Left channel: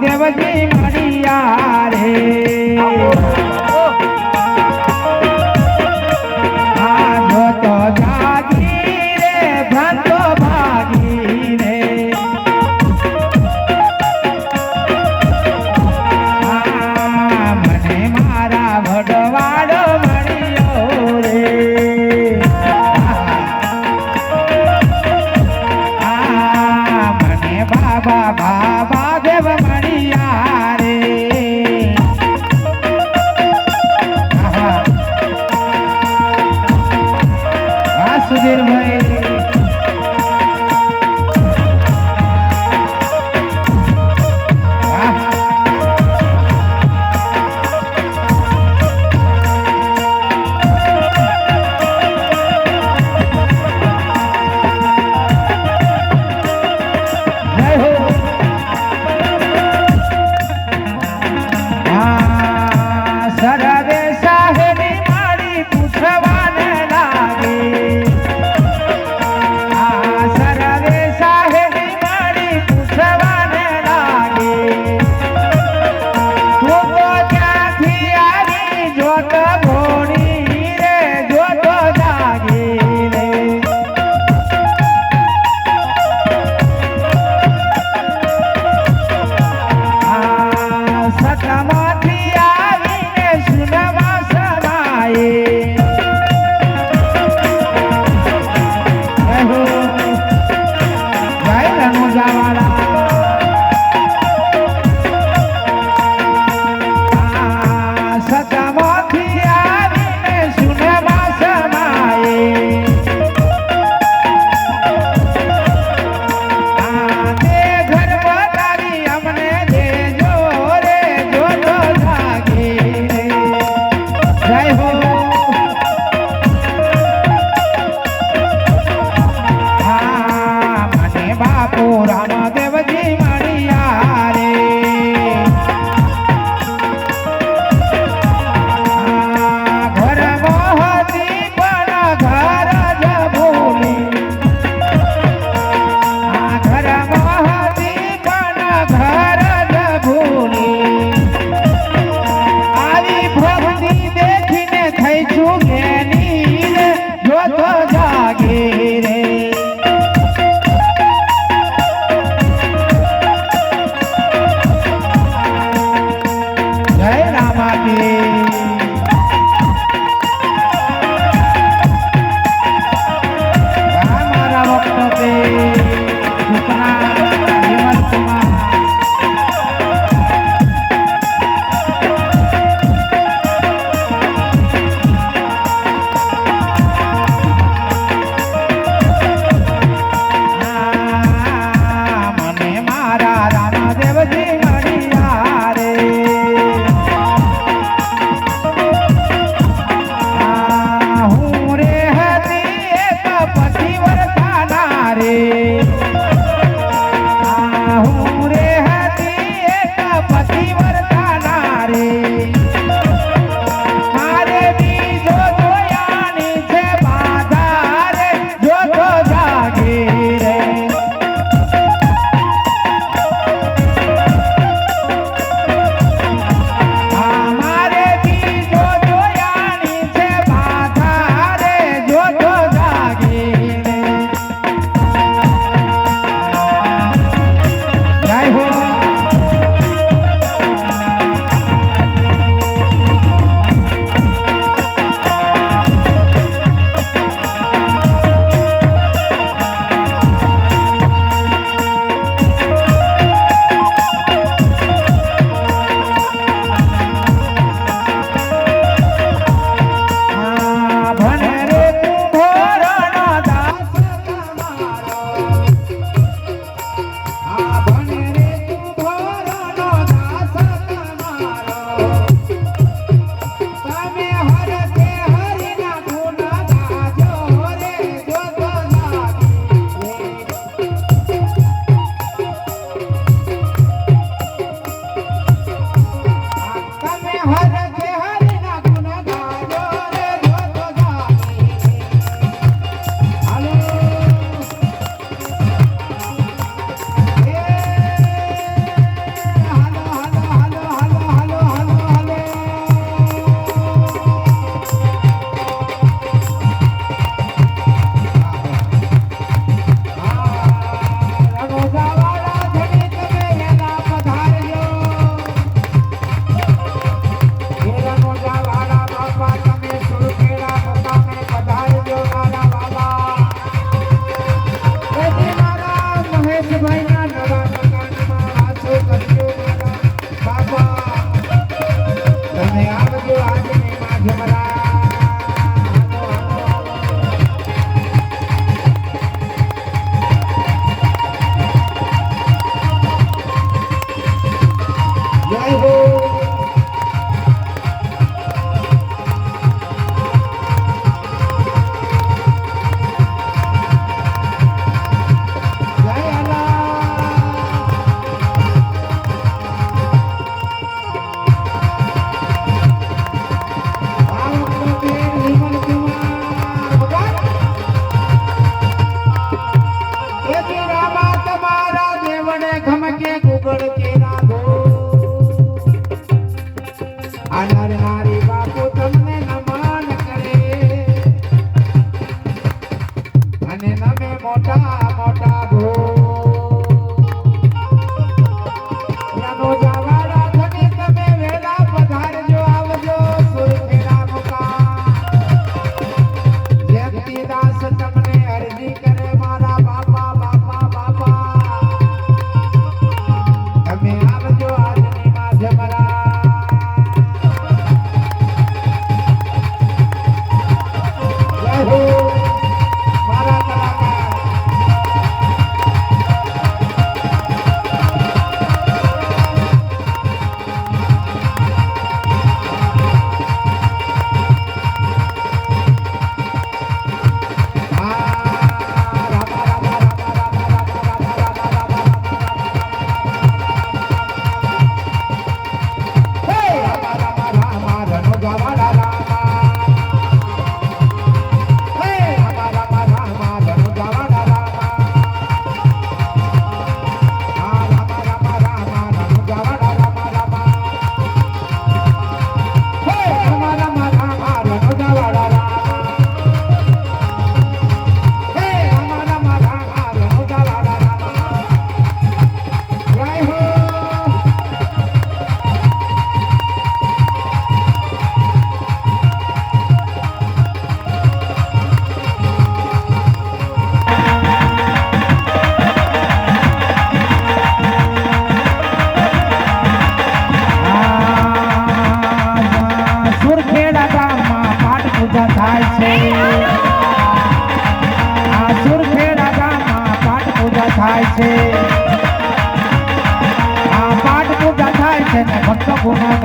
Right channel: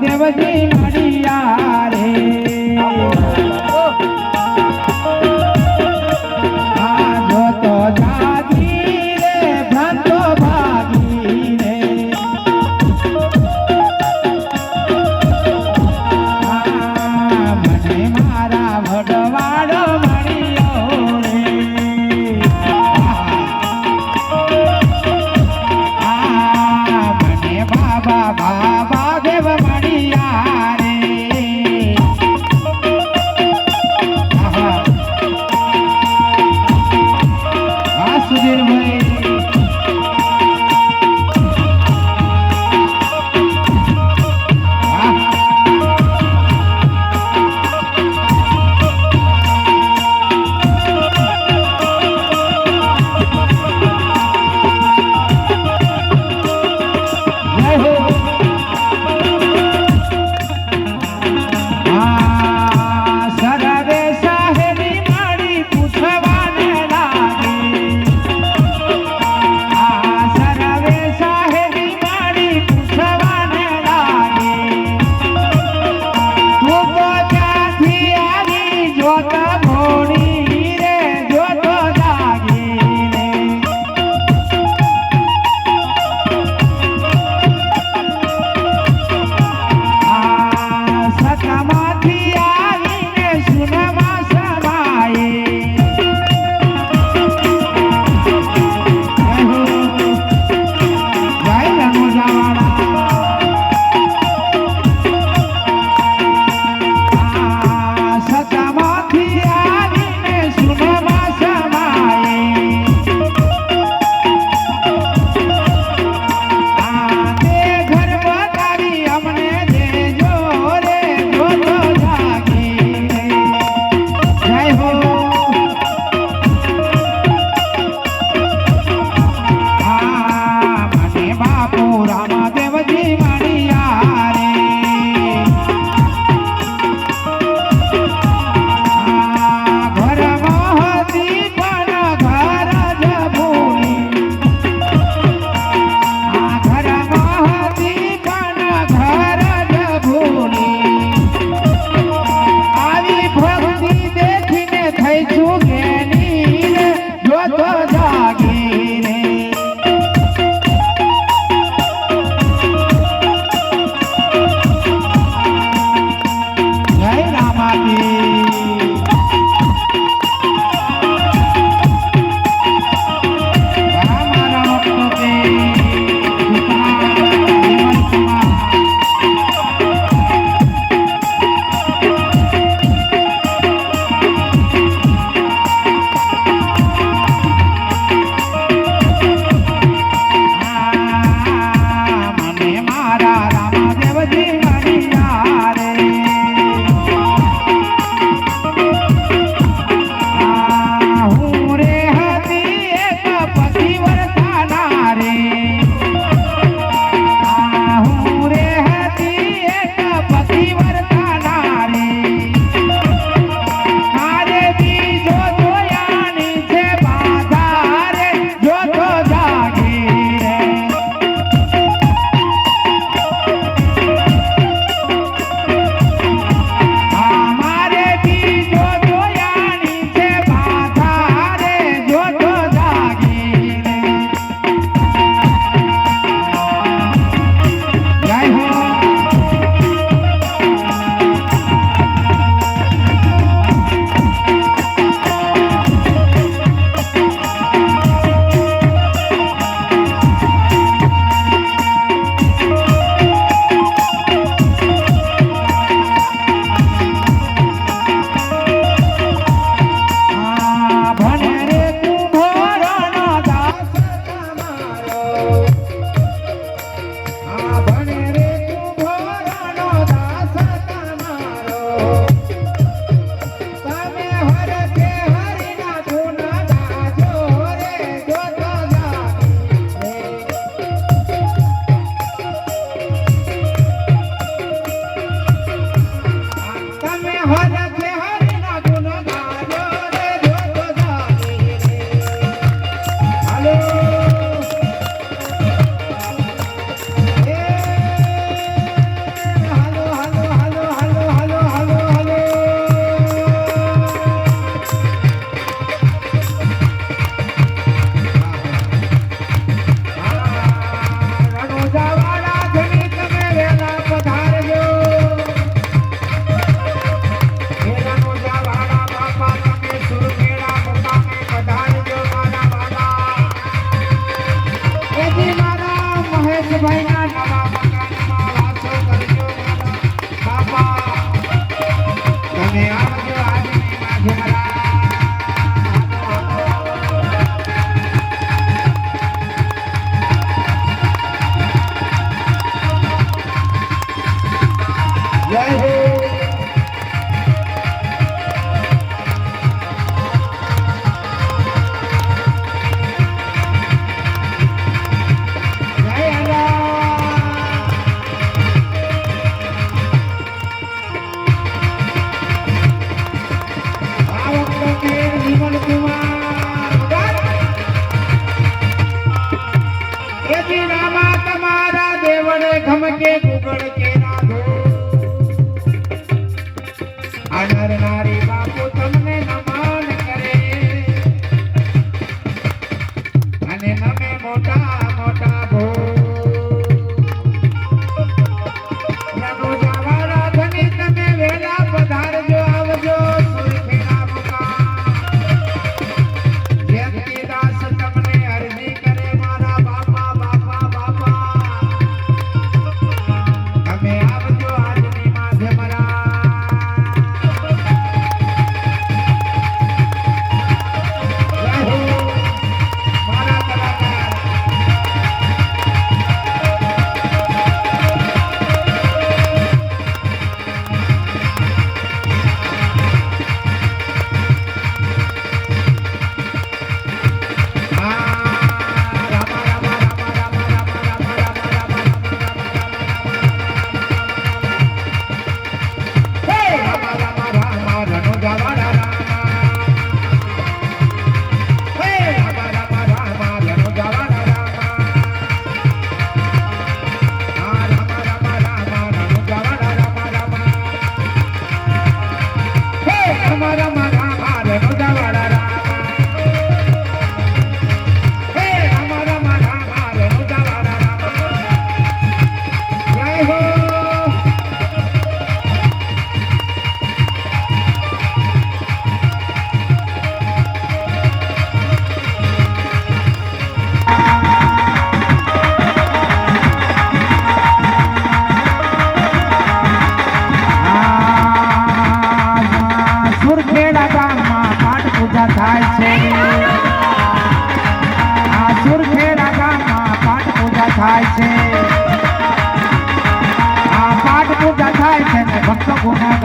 देव जी मन right now. थम के गुगड़ के ना हो अनर नारी बात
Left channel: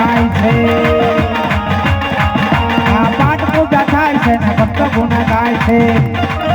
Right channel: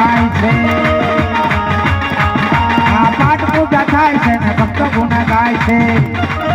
खाइटो खाइ